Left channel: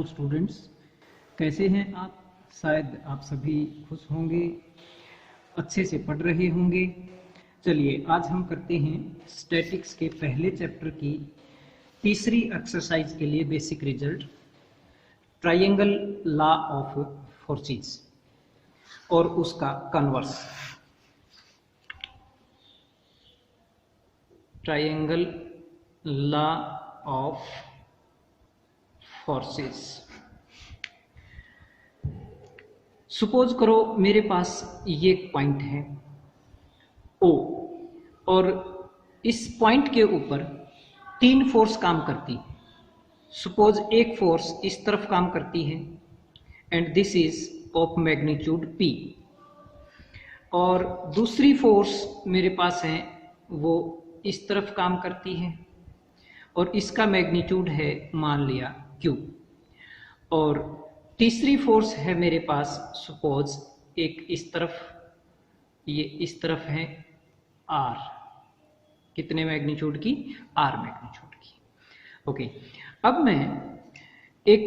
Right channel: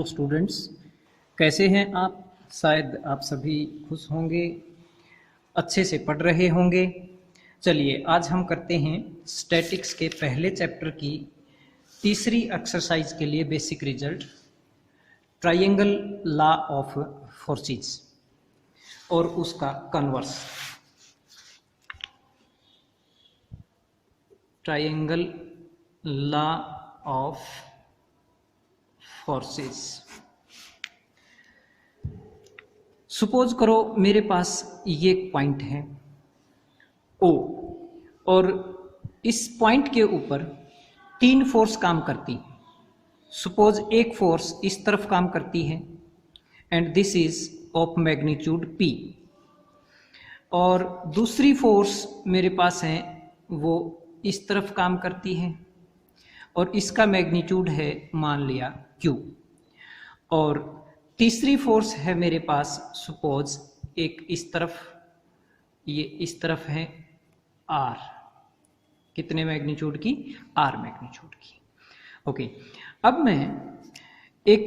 Hello students, कैसे हैं आप? शायद आप सभी खुश होंगे, अच्छे से पढ़ रहे होंगे। चलिए आज हम करते हैं स्टैटिक्स के पहले चैप्टर की तीसरी एक्सरसाइज के लिए basic result, triangle law of forces और उसका converse. Triangle law of forces. Suppose करो मेरे पास ये पॉइंट है O और इस पॉइंट के ऊपर तीन फोर्स काम करती है। सपोज एक फोर्स इस तरफ काम करती है and this is of magnitude P, और दूसरी फोर्स मेरे पास है वो इस तरफ काम करती है और इसका मैग्नीट्यूड है मान लिया Q, और तीसरी फोर्स है मेरे पास सपोज एक इस तरफ, ये इस तरफ है R, कितने मैग्नीट्यूड की? R मैग्नीट्यूड की। ओके, अब मैं एक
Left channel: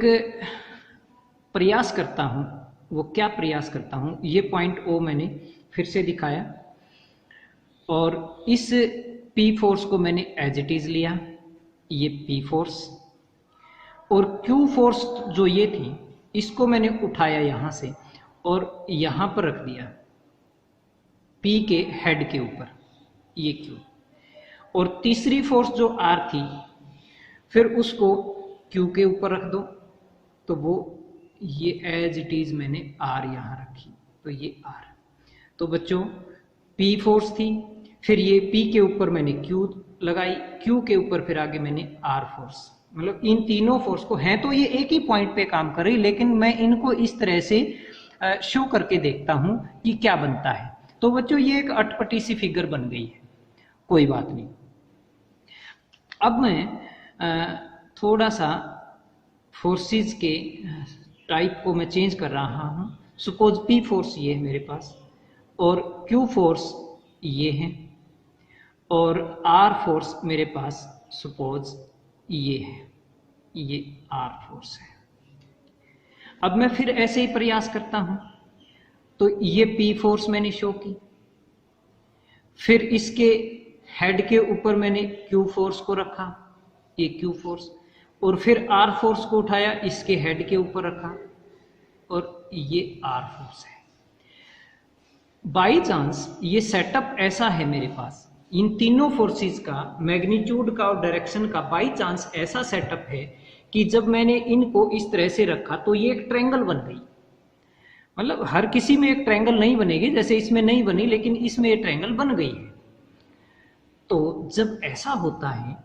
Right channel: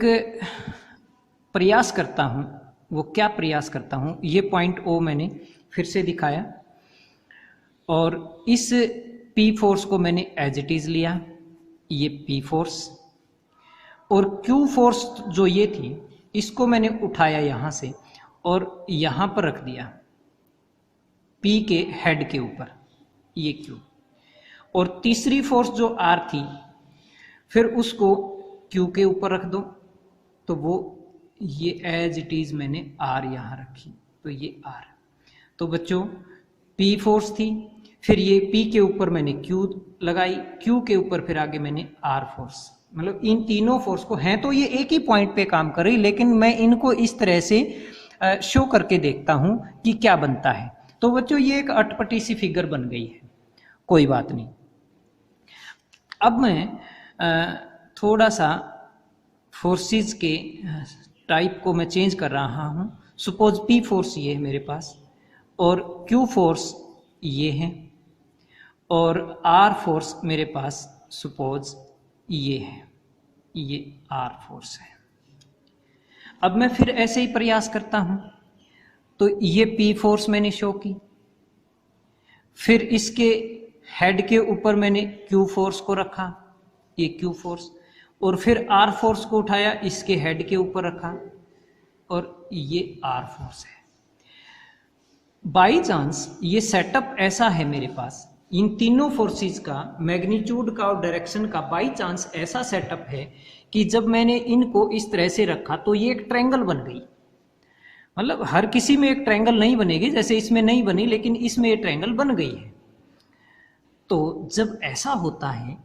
प्रयास करता हूँ। वो क्या प्रयास करता हूँ? ये पॉइंट O मैंने फिर से दिखाया और इस P फोर्स को मैंने एज इट इज लिया, ये P फोर्स, और Q फोर्स जो ये थी इसको मैंने उठाया यहाँ से और यहाँ पर रख दिया P के हेड के ऊपर, ये Q, और तीसरी फोर्स जो R थी फिर उसको Q के ऊपर रख दो, तो वो ये एज इट इज मैंने R यहाँ रखी, तो ये R। तो बच्चों P फोर्स थी, फिर ये P के ऊपर मैंने Q लगाई, Q के ऊपर फिर आगे मैंने R फोर्स। मतलब इन तीनों फोर्स को, हैं तो ये एक ही पॉइंट पे काम कर रही, लेकिन मैं इनको इस तरह से शो करके देखता हूं कि क्या बनता है। तो बच्चों ये एक अटपटी सी फिगर बन गई है, कोई बात नहीं। अब मैं थोड़ा सा फोर्सेस के टाइप को मैं चेंज कर रहा हूं। सपोज P फोर्स ये है मेरे पास और Q फोर्स ये है और R फोर्स मेरे पास सपोज ये है, ये R फोर्स है। अब मैं फिर ऐसे ही प्रयास करता हूं, तो ये P फोर्स मैंने शो की, फिर इसके हेड के ऊपर मैंने Q फोर्स को रखा, ये Q फोर्स, और फिर R फोर्स को उठाया, इसके हेड के ऊपर रखा और ये R फोर्स है। बाई चांस ये सेटअप ऐसा है मेरे पास, इन तीनों फोर्सेस का मैग्नीट्यूड का और डायरेक्शन का बाई चांस ऐसा सेटअप है कि जब मैंने इनको इस तरह से रखा तो ये एक ट्रायंगल बन गई। मतलब हर किसी में एक ट्रायंगल नहीं बनेगी, जैसे इसमें नहीं बनी, लेकिन इसमें ये ट्रायंगल बन गई है। तो जब ऐसा होता है,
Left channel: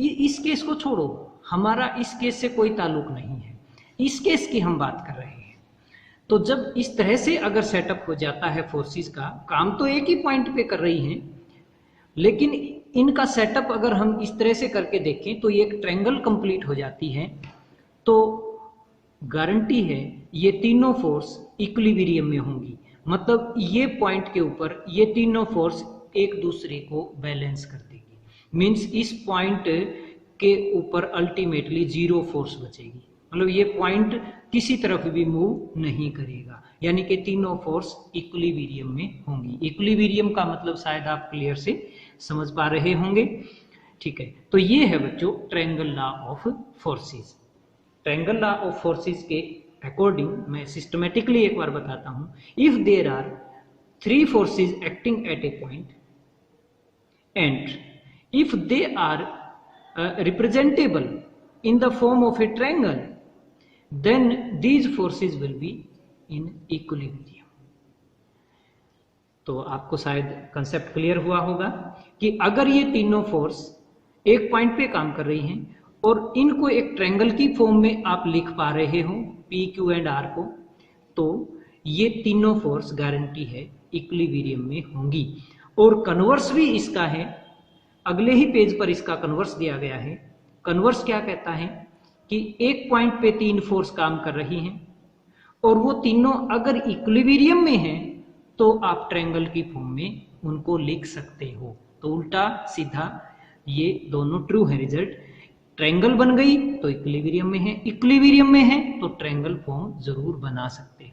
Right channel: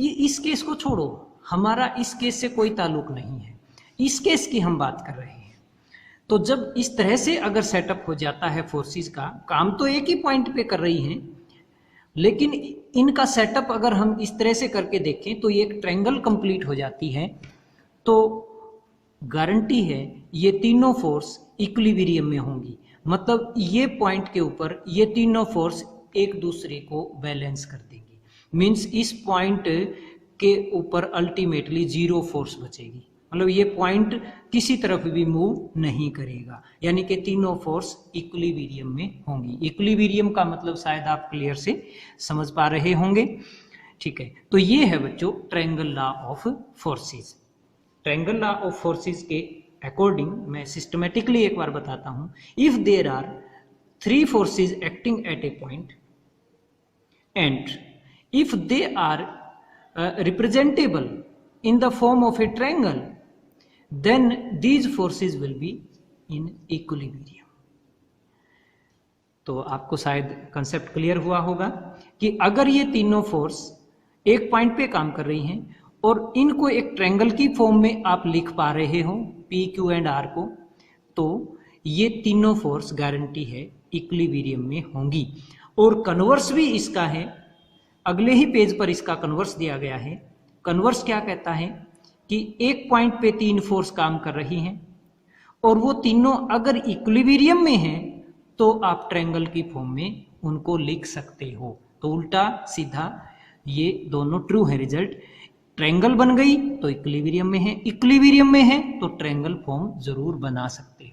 इस केस को छोड़ो, हमारा इस केस से कोई ताल्लुक नहीं है, इस केस की हम बात कर रहे हैं। तो जब इस तरह से अगर सेटअप हो जाता है फोर्सेस का, काम तो एक ही पॉइंट पे कर रही हैं, लेकिन इनका सेटअप अगर हम इस तरह से करके देखें तो ये एक ट्रायंगल कंप्लीट हो जाती है। तो गारंटी है ये तीनों फोर्स इक्विलिब्रियम में होंगी, मतलब ये पॉइंट के ऊपर ये तीनों फोर्स एक दूसरे को बैलेंस कर देगी। मीन्स इस पॉइंट के ऊपर अल्टीमेटली जीरो फोर्स बचेगी, मतलब ये पॉइंट किसी तरफ भी मूव नहीं करेगा, यानी कि तीनों फोर्स इक्विलिब्रियम में होंगी। इक्विलिब्रियम का मतलब शायद आप क्लियर से समझ पा रहे होंगे, ठीक है। तो ये है बच्चों triangle law of forces. Triangle law of forces के अकॉर्डिंग मैं सिस्टमेटिकली एक बार बताता हूं। If there are three forces acting at a point and if they are representable in the form of a triangle, then these forces will be in equilibrium। तो आपको शायद concept clear हुआ होगा कि अगर ये तीनों फोर्स एक पॉइंट पे काम कर रही हैं और इनको एक ट्रायंगल की फॉर्म में आप लिख पा रहे हो P, Q एंड R को, तो ये तीनों फोर्स गारंटी है इक्विलिब्रियम में होंगी। और कन्वर्स भी इसका है, अगले ही पेज पर इसका कन्वर्स दिया गया है। कन्वर्स क्या कहता है कि एक पॉइंट पे तीन फोर्स काम कर रही हैं और वो तीनों अगर इक्विलिब्रियम में हैं तो आप ट्रायंगल की फॉर्म में उनको लिख सकते हो। तो उल्टा सीधा ये दोनों ट्रू है रिजल्ट। ट्रायंगल बन गई तो इक्विलिब्रियम में है, इक्विलिब्रियम में है तो ट्रायंगल फॉर्म जरूर बना सकते हो।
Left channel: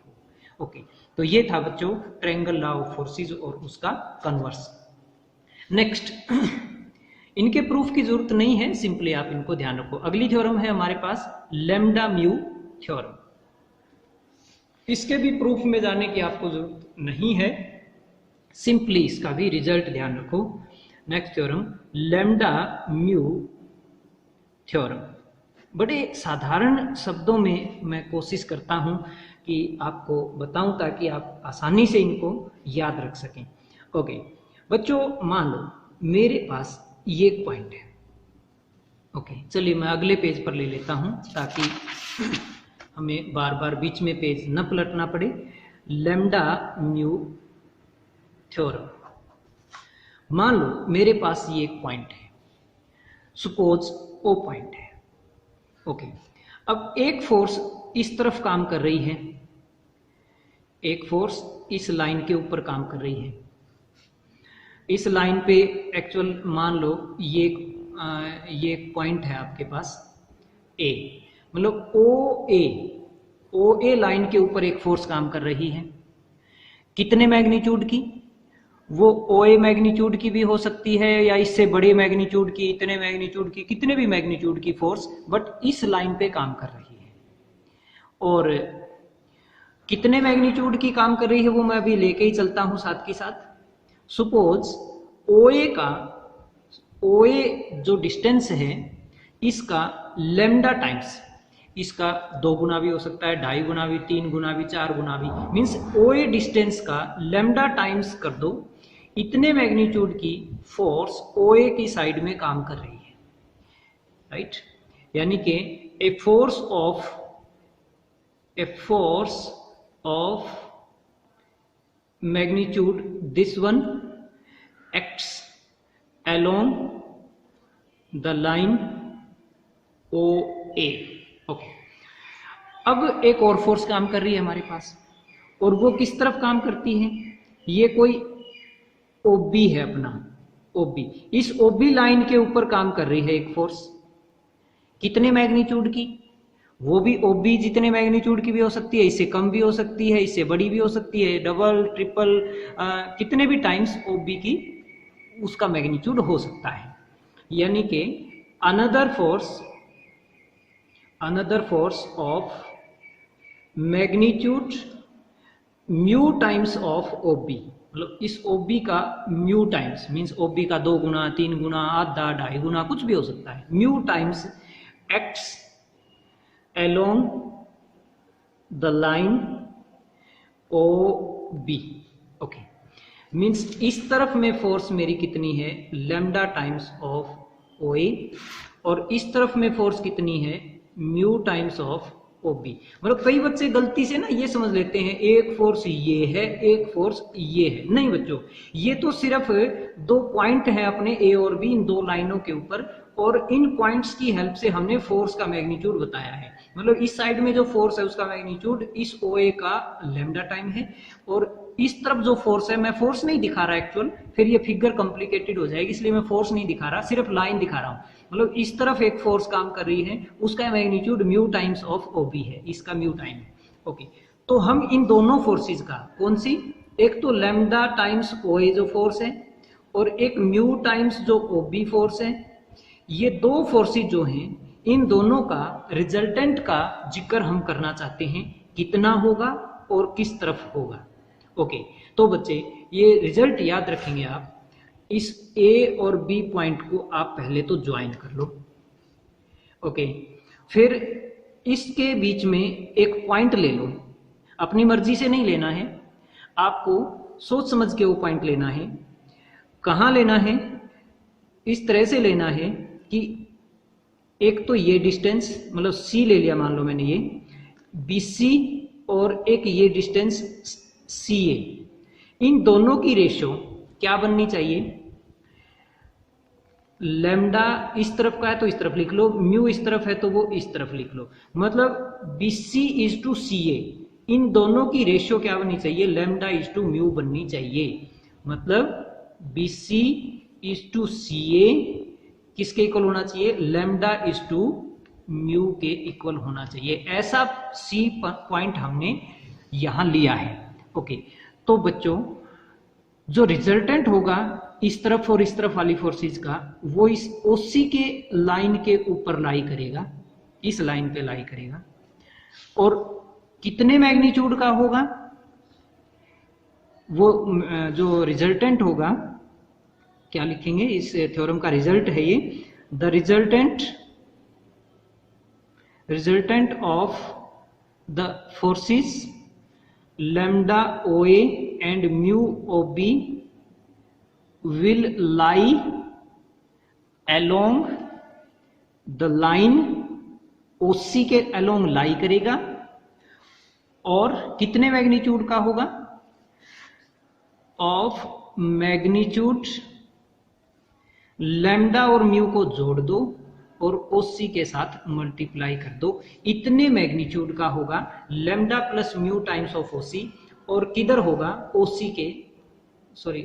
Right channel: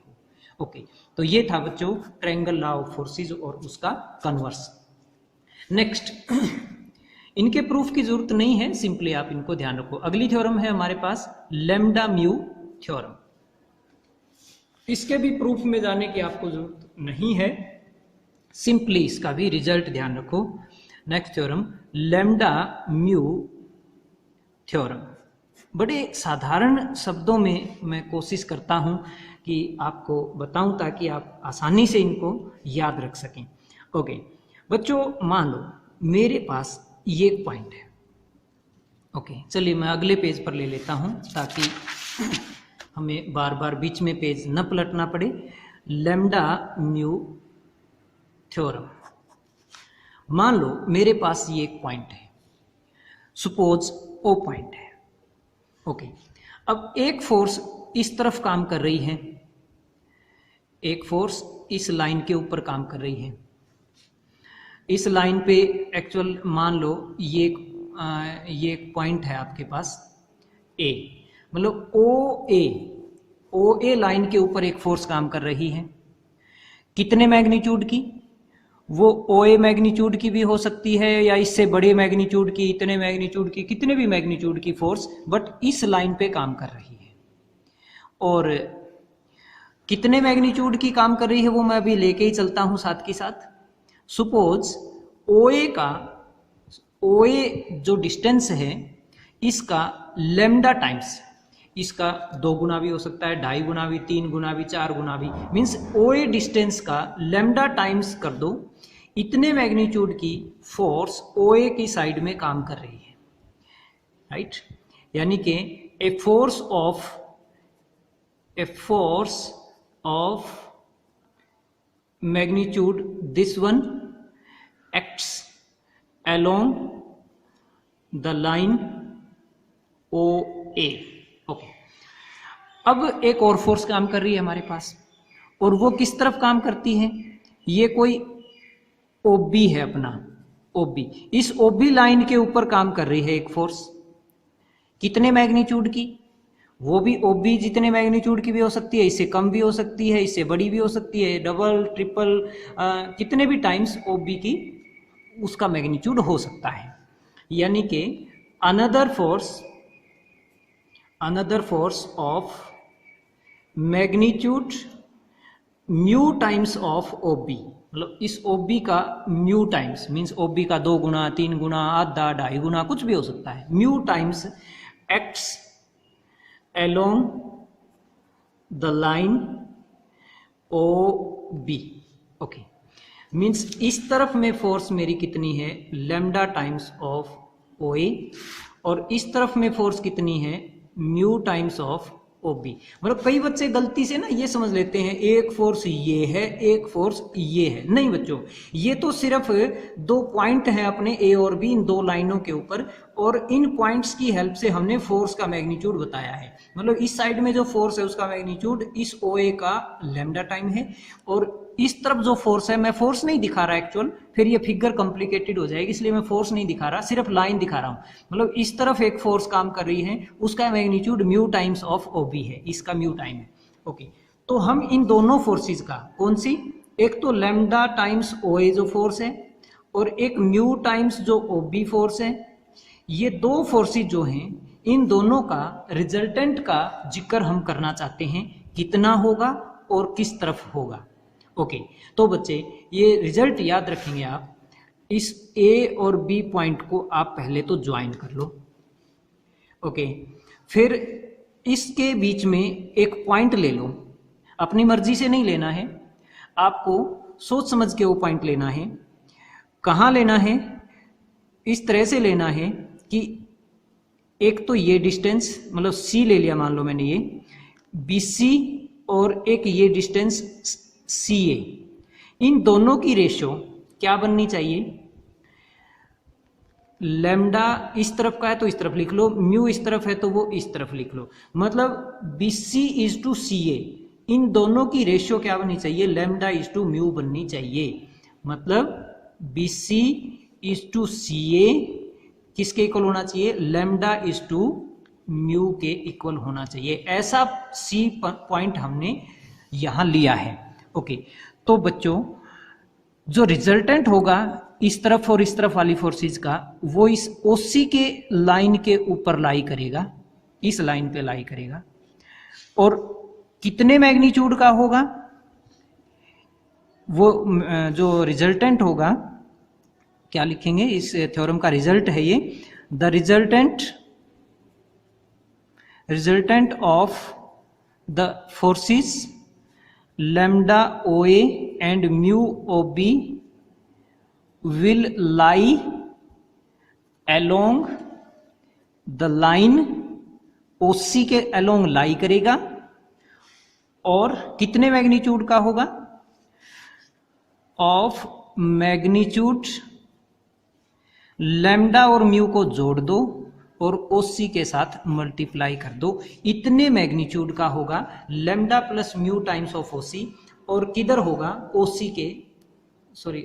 ओके, तो ये था बच्चों ट्रायंगल लॉ ऑफ फोर्सेस और उसका कन्वर्स। नेक्स्ट इनके प्रूफ की जरूरत नहीं है, सिंपली आप इनको ध्यान रखो। अगली थ्योरम है हमारे पास लैम्डा म्यू थ्योरम। इसके भी प्रूफ में जाने की आपको जरूरत नहीं है, सिंपली इसका भी रिजल्ट ध्यान रखो। Next theorem lambda mu theorem. बड़े साधारण शब्दों में मैं कोशिश करता हूं कि आपको बताऊं ताकि आप आसानी से इनको याद रख सकें। ओके बच्चों, मान लो मेरे पास ये पॉइंट है। ओके चलिए मैं अगले पेज पर ले लेता हूं ताकि हमें बार बार बीच में पेज न पलटना पड़े। Lambda mu theorem. मान लो मेरे पास ये एक पॉइंट है, सपोज ओ पॉइंट है। ओके, अब एक फोर्स इस तरफ काम कर रही है, एक फोर्स इस लाइन के ऊपर काम कर रही है। इस लाइन पे एक्चुअल मान लो ये एक पॉइंट है आपके पास ए, मतलब ओ ए लाइन के ऊपर एक फोर्स काम कर रही है। कितने मैग्नीट्यूड की? वो ओ ए मैग्नीट्यूड की भी हो सकती है या इससे बड़े मैग्नीट्यूड की, इतने मैग्नीट्यूड की, कितने भी मैग्नीट्यूड की फोर्स, बट इस लाइन पे काम कर रही है। और कितने मैग्नीट्यूड की काम कर रही है वो मैं अभी लेके ही चलता हूं साथ के साथ। सपोज ओ ए जो डिस्टेंस है इसका लैम्डा टाइम्स, इसका 2 गुना भी हो सकता है, 2.5 गुना भी, 3 गुना भी, 4 गुना भी, मीन्स ओ ए डिस्टेंस का लैम्डा टाइम्स कर दो, इतने मैग्नीट्यूड की फोर्स ओ ए की साइड में काम कर रही है, राइट। यानी कि a force of magnitude this one acts along the line OA। Okay, अब एक और फोर्स काम कर रही है हमारे पास, और वो किस तरफ काम करती है? ये कोई OB है अपना, OB। इस OB लाइन के ऊपर काम कर रही है एक फोर्स, कितने मैग्नीट्यूड की? वो भी OB जितने मैग्नीट्यूड की भी हो सकती है, इससे कम भी हो सकती है, इससे बड़ी भी हो सकती है, डबल ट्रिपल कितने भी टाइम्स OB की उसका मैग्नीट्यूड हो सकता है। यानी कि another force of magnitude mu times of OB, मतलब इस OB का म्यू टाइम्स, मीन्स OB का 2 गुना, 3 गुना, आधा, 2.5 गुना, कुछ भी हो सकता है। Mu times acts along the line OB। Okay, means इस तरफ में फोर्स मेरी कितनी है? लैम्डा टाइम्स ऑफ OA, और इस तरफ में फोर्स कितनी है? Mu times of OB। मतलब कई बच्चे गलती से ना ये समझ लेते हैं एक फोर्स ये है, एक फोर्स ये है। नहीं बच्चों, ये तो सिर्फ 2 पॉइंट है अपने A और B, इन 2 लाइनों के ऊपर, और इन पॉइंट्स की हेल्प से हमने फोर्स का मैग्नीट्यूड बताया है। मतलब इस साइड में जो फोर्स है उसका मैग्नीट्यूड इस OA का लैम्डा टाइम है, और इस तरफ जो फोर्स है, मैं फोर्स नहीं दिखा रहा एक्चुअल, फिर ये फिगर कॉम्प्लिकेटेड हो जाएगी, इसलिए मैं फोर्स नहीं दिखा रहा, सिर्फ लाइन दिखा रहा हूं। मतलब इस तरफ एक फोर्स काम कर रही है, उसका magnitude mu times of OB है, इसका म्यू टाइम है। ओके, तो हम इन दोनों फोर्सेस का, कौन सी? एक तो लैम्डा टाइम्स OA जो फोर्स है, और एक म्यू टाइम्स जो OB फोर्स है, ये 2 फोर्सेस जो हैं, इन दोनों का रिजल्टेंट का जिक्र हम करना चाहते हैं, कितना होगा और किस तरफ होगा। ओके, तो बच्चे ये रिजल्ट याद रखेंगे आप। इस A और B पॉइंट को आप पहले तो ज्वाइन कर लो। ओके, फिर इसके बीच में एक पॉइंट ले लो, अपनी मर्जी से नहीं लेना है, आपको सोच समझ के वो पॉइंट लेना है। कहाँ लेना है? इस तरह से लेना है कि एक तो ये डिस्टेंस, मतलब C ले लिया मान लो मैंने, ये BC, और एक ये डिस्टेंस CA, इन दोनों की रेशियो क्या बननी चाहिए? लैम्डा इस तरफ का है तो इस तरफ लिख लो, म्यू इस तरफ है तो वो इस तरफ लिख लो। मतलब BC इज टू CA, इन दोनों की रेशियो क्या बननी चाहिए? लैम्डा इज टू म्यू बननी चाहिए। मतलब BC इज टू CA किसके इक्वल होना चाहिए, लैम्डा इज टू म्यू के इक्वल होना चाहिए। ऐसा सी पॉइंट हमने यहां लिया है। ओके, तो बच्चों जो रिजल्टेंट होगा इस तरफ और इस तरफ वाली फोर्सेज का, वो इस ओसी के लाइन के ऊपर लाई करेगा, इस लाइन पे लाई करेगा। और कितने मैग्नीट्यूड का होगा वो, जो रिजल्टेंट होगा, क्या लिखेंगे, इस थ्योरम का रिजल्ट है ये, the resultant of the forces lambda O A and mu O B will lie along the line, OC के अलोंग लाई करेगा। और कितने मैग्नीट्यूड का होगा, ऑफ मैग्नीट्यूड लैम्डा और म्यू को जोड़ दो और ओसी के साथ मल्टीप्लाई कर दो, इतने मैग्नीट्यूड का होगा lambda plus mu times of OC. और किधर होगा, ओसी के, सॉरी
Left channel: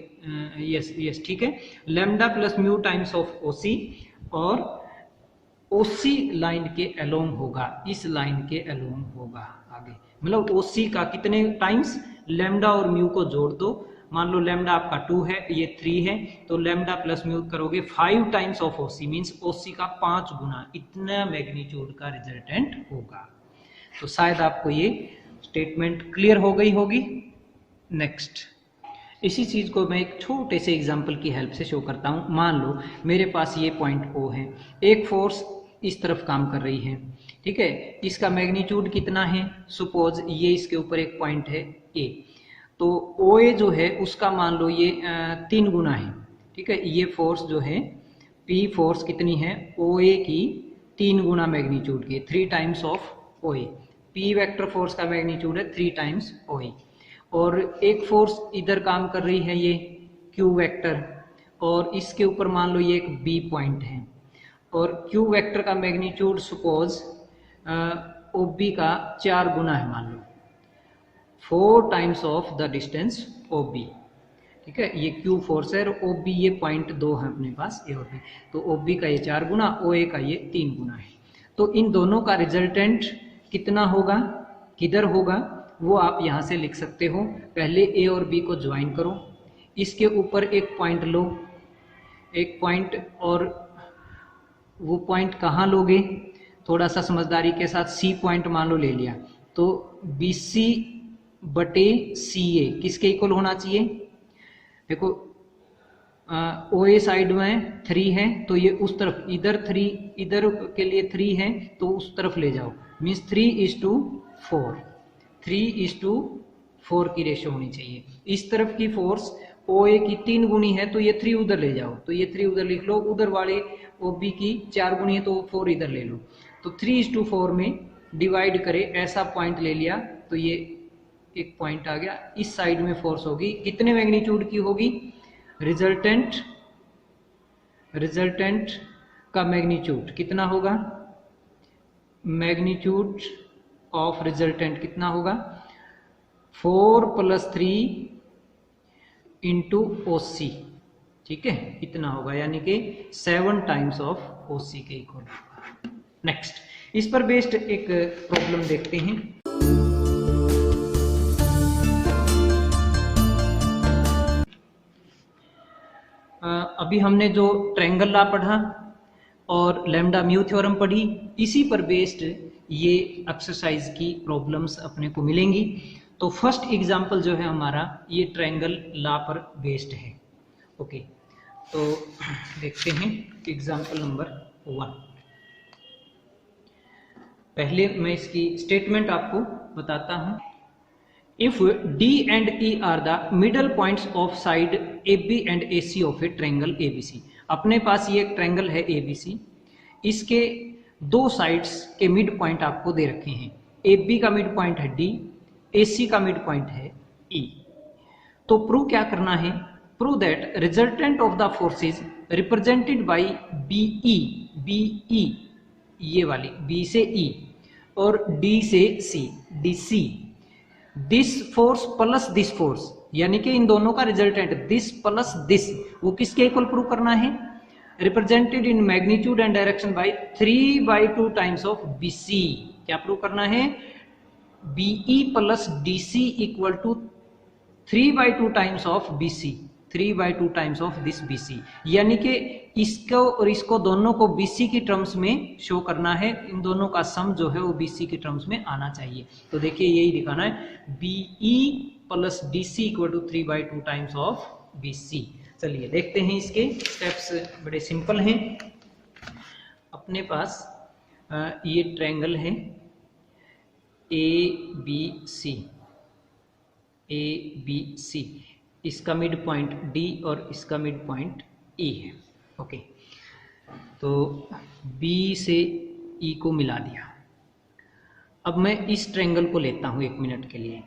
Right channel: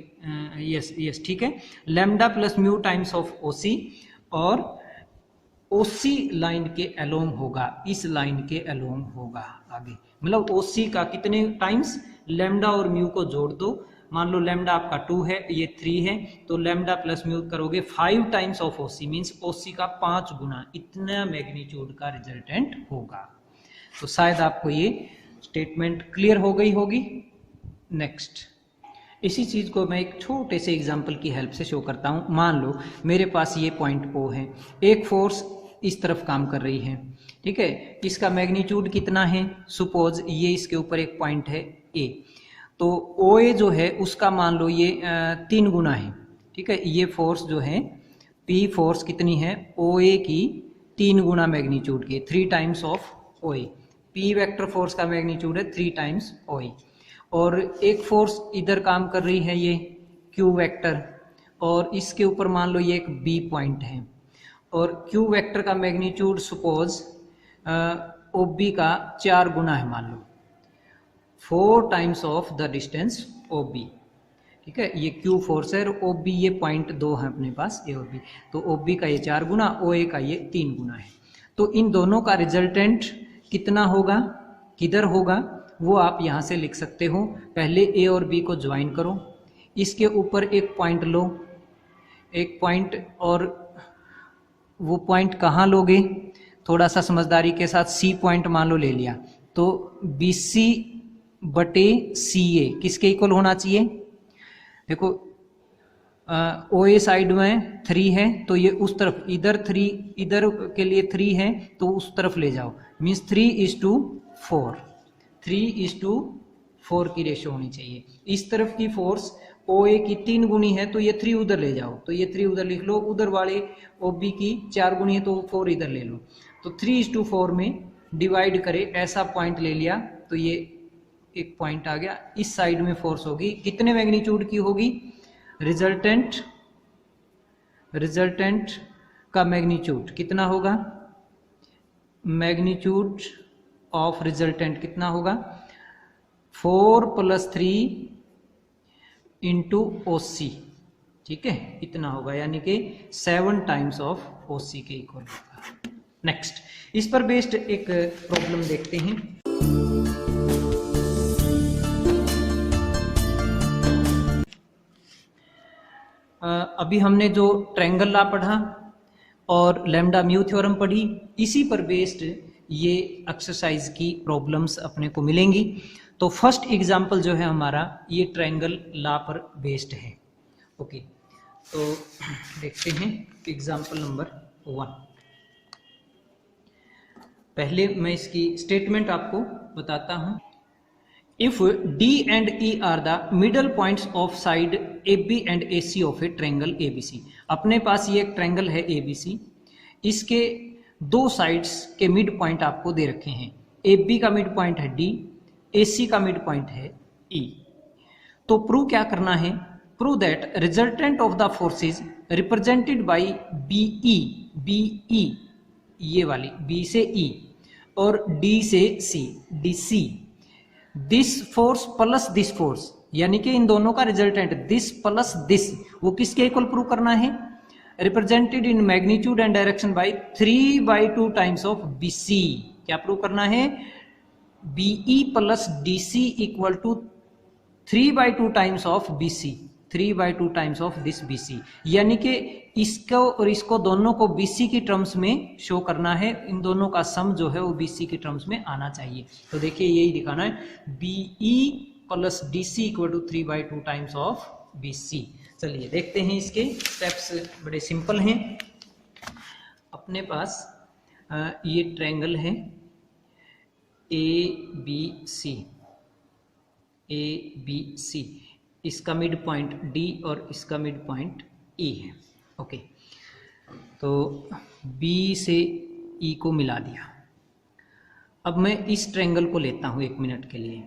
यस ठीक है, lambda plus mu times of OC, और ओसी लाइन के अलोंग होगा, इस लाइन के अलोंग होगा आगे। मतलब ओसी का कितने टाइम्स, लैम्डा और म्यू को जोड़ दो, मान लो लैम्डा आपका 2 है, ये 3 है, तो लैम्डा प्लस म्यू करोगे 5 टाइम्स ऑफ ओसी, मीन्स ओसी का 5 गुना, इतना मैग्नीट्यूड का रिजल्टेंट होगा। तो शायद आपको ये स्टेटमेंट क्लियर हो गई होगी। नेक्स्ट, इसी चीज को मैं एक छोटे से एग्जांपल की हेल्प से शो करता हूं। मान लो मेरे पास ये पॉइंट O है, एक फोर्स इस तरफ काम कर रही है, ठीक है, इसका मैग्नीट्यूड कितना है, सपोज ये इसके ऊपर एक पॉइंट है A, तो OA जो है उसका मान लो ये 3 गुना है, ठीक है। ये फोर्स जो है P फोर्स कितनी है, OA की 3 गुना मैग्नीट्यूड की, 3 times of OA। P vector force का मैग्नीट्यूड है 3 टाइम्स OA। और एक फोर्स इधर काम कर रही है ये Q वेक्टर, और इसके ऊपर मान लो ये एक B पॉइंट है, और Q वेक्टर का मैग्नीट्यूड सपोज OB का 4 गुना है, मान लो 4 times of the distance OB, ठीक है। ये Q फोर्स है और OB ये पॉइंट 2 है अपने पास, ये OB, तो OB का ये 4 गुना, OA का ये 3 गुना है। तो इन दोनों का रिजल्टेंट कितना होगा, किधर होगा, वो आप यहाँ से लिख सकते हो। पहले A और B को ज्वाइन करो, इसके ऊपर एक पॉइंट लो, एक पॉइंट, और वो पॉइंट कहाँ लोगे, थोड़ा सा समझदारी के साथ C पॉइंट मान लो ले लिया, तो BC बटे CA किसके इक्वल होना चाहिए, देखो OA साइड में 3 है, तो ये उस तरफ, इधर 3, इधर के लिए 3 है तो उस तरफ ले जाओ, मीन्स 3:4, 3:4 की रेशो होनी चाहिए। इस तरफ की फोर्स OA की 3 गुनी है, तो ये 3 उधर ले जाओ, तो ये 3 उधर लिख लो, उधर वाले OB की 4 गुनी है तो 4 इधर ले लो, तो 3:4 में डिवाइड करे, ऐसा पॉइंट ले लिया, तो ये एक पॉइंट आ गया। इस साइड में फोर्स होगी कितने मैग्नीट्यूड की होगी, रिजल्टेंट का मैग्नीट्यूड कितना होगा, मैग्नीट्यूड ऑफ रिजल्टेंट कितना होगा, 4 + 3 इंटू OC, ठीक है, इतना होगा, यानी कि 7 टाइम्स ऑफ OC के इक्वल होगा। नेक्स्ट, इस पर बेस्ड एक प्रॉब्लम देखते हैं। अभी हमने जो ट्रायंगल लॉ पढ़ा और लैम्डा म्यू थ्योरम पढ़ी, इसी पर बेस्ड ये एक्सरसाइज की प्रॉब्लम्स अपने को मिलेंगी। तो फर्स्ट एग्जांपल जो है हमारा ये ट्रायंगल लॉ पर बेस्ड है। ओके, तो देखते हैं एग्जांपल नंबर 1। पहले मैं इसकी स्टेटमेंट आपको बताता हूं। If D and E are the middle points of side AB and AC of a triangle ABC, अपने पास ये एक ट्रायंगल है ABC, इसके 2 साइड्स के मिड पॉइंट आपको दे रखे हैं। AB का मिड पॉइंट है D, AC का मिड पॉइंट है E। तो प्रूव क्या करना है, prove that resultant of the forces represented by BE ये वाली B से E और D से C, DC, this force plus this force, यानी कि इन दोनों का रिजल्टेंट दिस प्लस दिस, वो किसके इक्वल प्रूव करना है, represented in magnitude and direction by 3/2 times of BC। क्या प्रूव करना है? BE plus DC equal to 3/2 times of BC, 3/2 times of this BC, यानी कि इसको और इसको दोनों को BC की टर्म्स में शो करना है। इन दोनों का सम जो है वो BC की टर्म्स में आना चाहिए। तो देखिए यही दिखाना है, BE plus DC equal to 3/2 times of BC। चलिए देखते हैं, इसके स्टेप्स बड़े सिंपल हैं। अपने पास ये ट्रायंगल है ABC, इसका मिड पॉइंट D और इसका मिड पॉइंट E है। ओके, तो B से E को मिला दिया। अब मैं इस ट्रायंगल को लेता हूं 1 मिनट के लिए।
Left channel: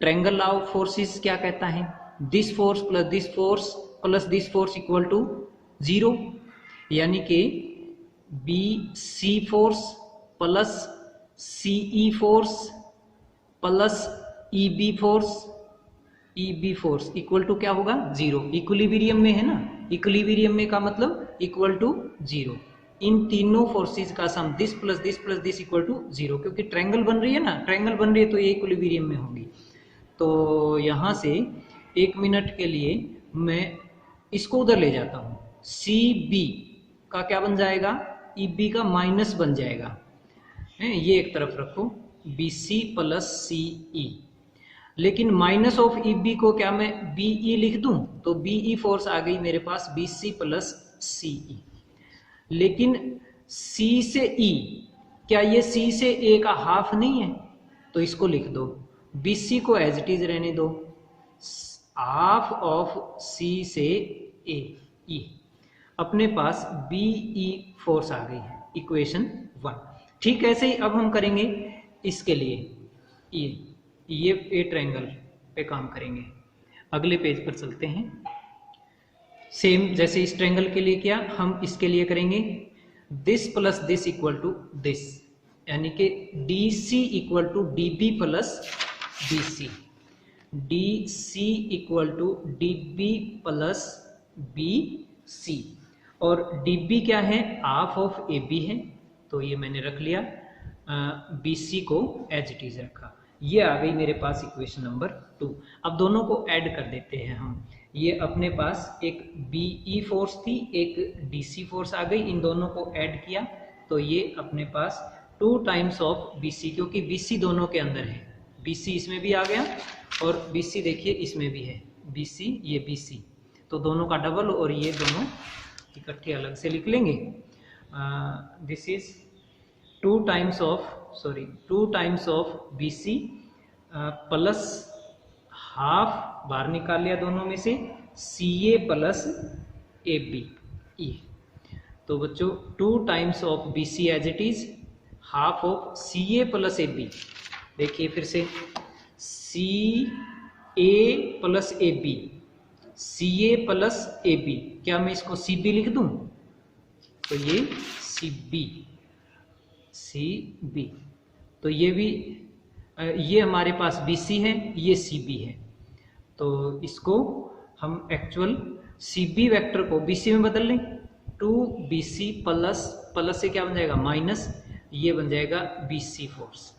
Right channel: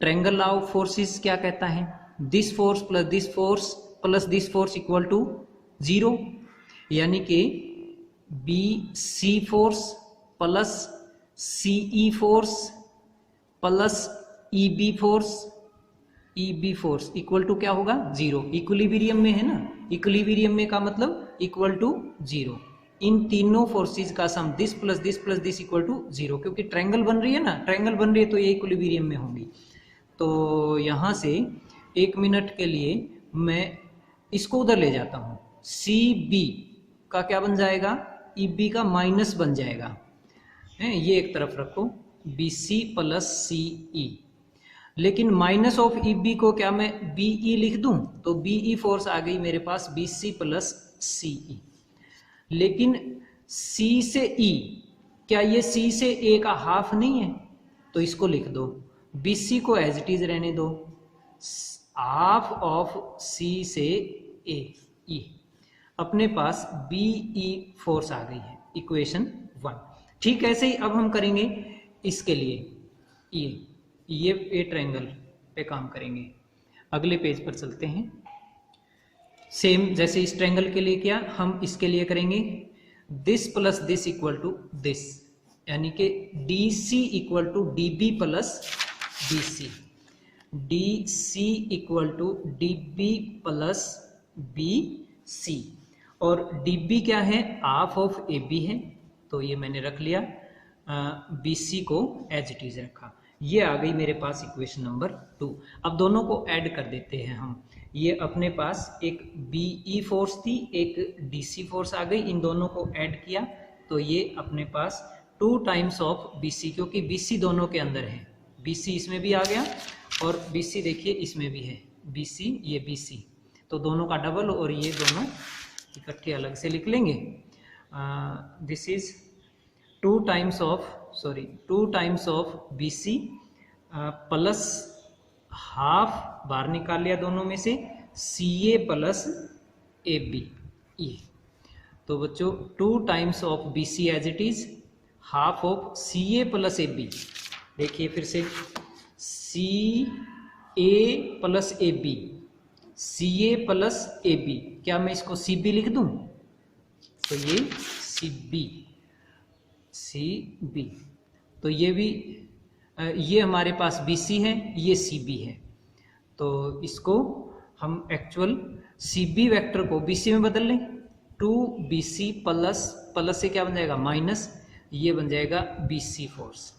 ट्रायंगल लॉ ऑफ फोर्सेस क्या कहता है? This force plus this force equal to 0, यानी कि BC force plus CE force plus EB force equal to क्या होगा? 0। इक्विलिब्रियम में है ना, इक्विलिब्रियम में का मतलब इक्वल टू 0। इन तीनों फोर्सेस का sum this plus this equal to 0, क्योंकि ट्रायंगल बन रही है ना, ट्रायंगल बन रही है तो ये इक्विलिब्रियम में होंगी। तो यहाँ से 1 मिनट के लिए मैं इसको उधर ले जाता हूँ। CB का क्या बन जाएगा? EB का माइनस बन जाएगा, ये एक तरफ रखो, BC प्लस CE। लेकिन माइनस ऑफ EB को क्या मैं BE लिख दूं? तो BE फोर्स आ गई मेरे पास BC प्लस CE। लेकिन C से E, क्या ये C से A का हाफ नहीं है? तो इसको लिख दो, BC को एज इट इज रहने दो, हाफ ऑफ C से A E। अपने पास BE फोर्स आ गई है, इक्वेशन 1। ठीक ऐसे ही अब हम करेंगे इसके लिए, ये ट्रायंगल पे काम करेंगे। अगले पेज पर चलते हैं। सेम जैसे इस ट्रायंगल के लिए किया, हम इसके लिए करेंगे this plus this equal to this, यानी कि DC equal to DB plus BC, DC equal to DB plus BC। और DB क्या है? हाफ ऑफ AB है, तो ये मैंने रख लिया, BC को एज इट इज रखा। ये आ गई मेरे पास इक्वेशन नंबर 2। अब दोनों को ऐड कर देते हैं हम। ये अपने पास एक BE फोर्स थी, एक DC फोर्स आ गई, इन दोनों को ऐड किया तो ये अपने पास 2 टाइम्स ऑफ BC, क्योंकि BC दोनों के अंदर है, BC इसमें भी आ गया और BC देखिए इसमें भी है, BC ये BC, तो दोनों का डबल, और ये दोनों इकट्ठे अलग से लिख लेंगे। This is 2 times of BC plus half बाहर निकाल लिया दोनों में से, CA प्लस AB। तो बच्चों 2 times of BC as it is, half of CA plus AB। देखिए फिर से, CA plus AB, CA plus AB, क्या मैं इसको CB लिख दूं? तो ये CB, तो ये भी, ये हमारे पास BC है, ये CB है, तो इसको हम एक्चुअल CB वेक्टर को BC में बदल लें। 2BC प्लस से क्या बन जाएगा? माइनस, ये बन जाएगा BC फोर्स।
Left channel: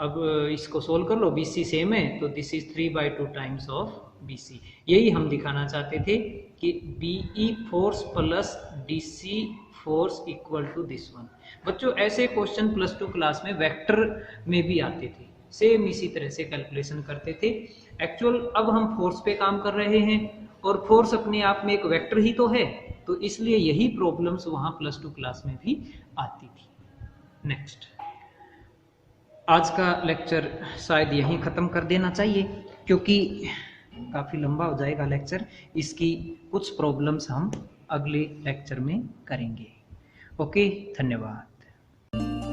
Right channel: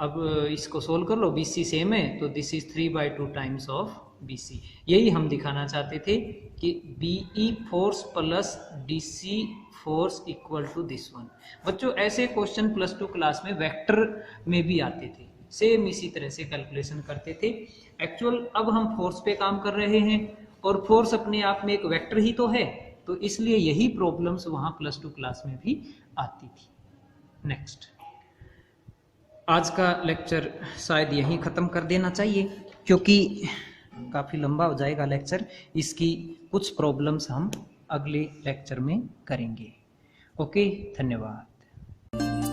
अब इसको सोल्व कर लो, BC सेम है, तो this is 3/2 times of BC। यही हम दिखाना चाहते थे कि BE force plus DC force equal to this one. बच्चों ऐसे क्वेश्चन +2 क्लास में वेक्टर में भी आते थे, सेम इसी तरह से कैलकुलेशन करते थे। एक्चुअल अब हम फोर्स पे काम कर रहे हैं, और फोर्स अपने आप में एक वेक्टर ही तो है, तो इसलिए यही प्रॉब्लम्स वहाँ +2 क्लास में भी आती थी। नेक्स्ट, आज का लेक्चर शायद यहीं ख़त्म कर देना चाहिए, क्योंकि काफ़ी लंबा हो जाएगा लेक्चर। इसकी कुछ प्रॉब्लम्स हम अगले लेक्चर में करेंगे। ओके, धन्यवाद।